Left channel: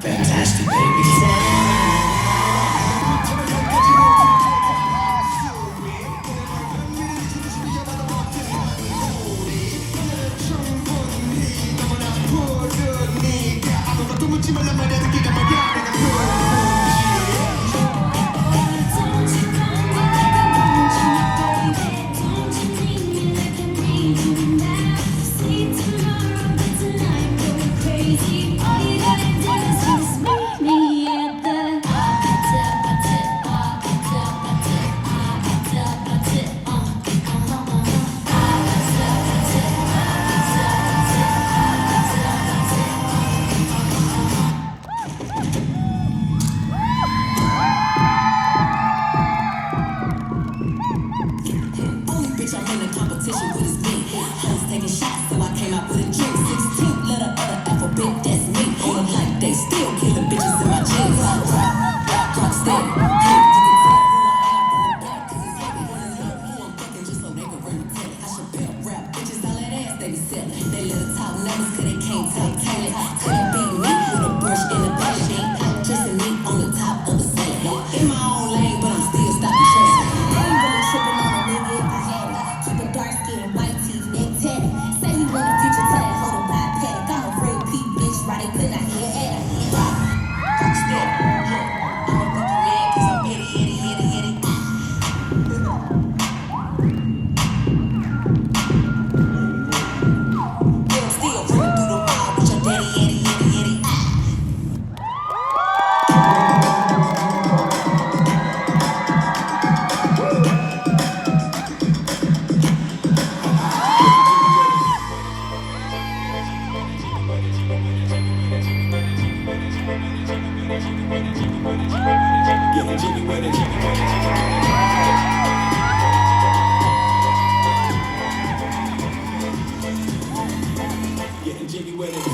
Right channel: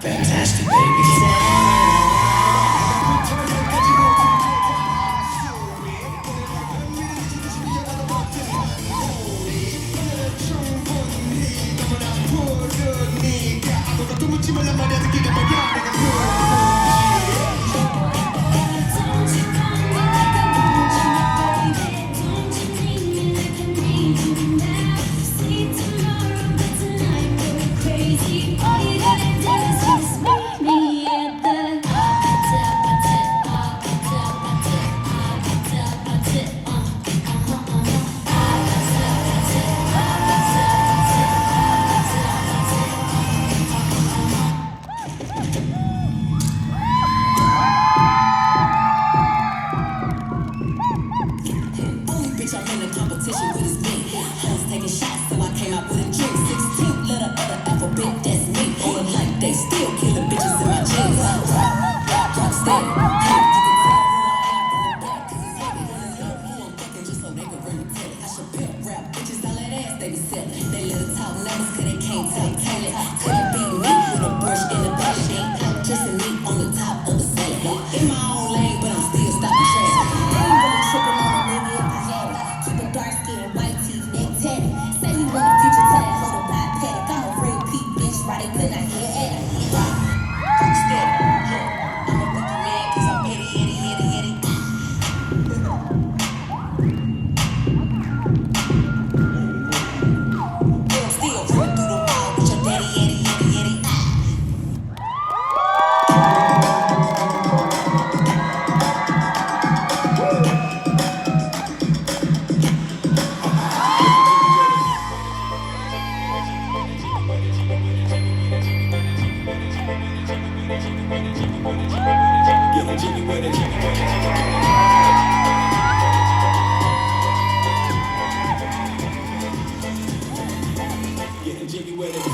Fantastic, baby. Competition with his me. Hoes taking shots, so I came out with a drink. 16th letter of the alphabet, that's me. On the like they still killing bitches in my jeans. Rock steady. Hey, you can tell who I am from the back, 'cause it's heavy. Who I'm fucking just so they can bring me to it. I should pimp rap bitches, all that ass they be selling. They little talk numbers, 'cause they can't tell it. Couldn't beat me with a brush in the belly. They ain't out dressing me on the top of the salad. In my own lane, but I'm still stopping traffic. I ain't really tripping on a nigga if I had it. Keep a dark skin, white teeth, neck tatted. Say you want a future tag, hold a bypass. I'm a real peep bitch, right? Could I hear it? Rock steady, yeah. I'm a fucking man, 'cause I'm itty. Girl, still running through the mall with your daddy, itty. Getting jiggy with it. Getting jiggy with it.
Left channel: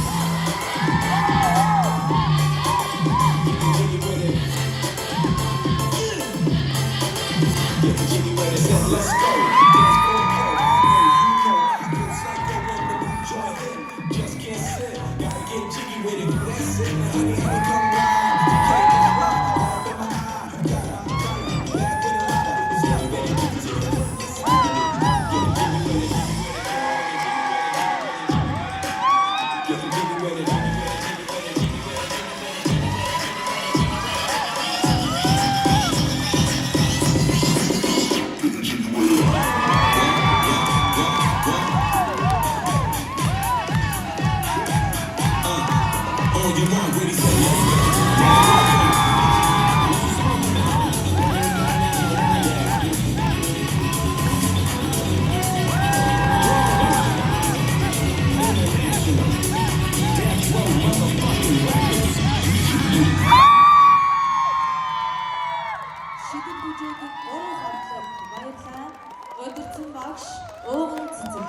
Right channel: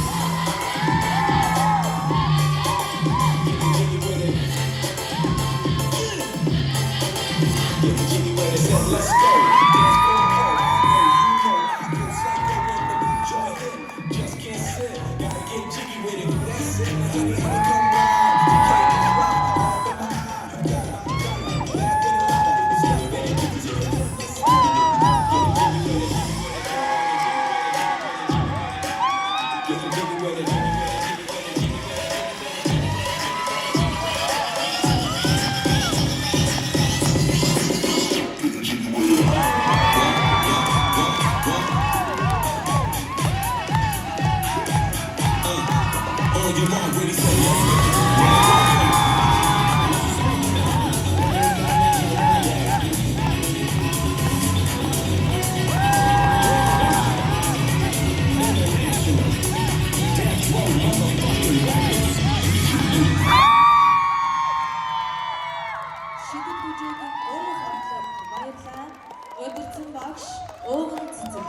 Getting jiggy with it. Getting jiggy with it. Said, let's go. Dance for more. I get psycho when the new joint hit. Just can't sit. Gotta get jiggy with it. That's it. Honey, come round. Can't get round. All in my eye. Gotta back with it loud. It's like that. Getting jiggy with it. Getting jiggy with it. On your mark, ready, set, let's go. Шидэт бүжээгийн уран хотлог баярлалаа. Удирдсан багш Өвгөн Цэцэг.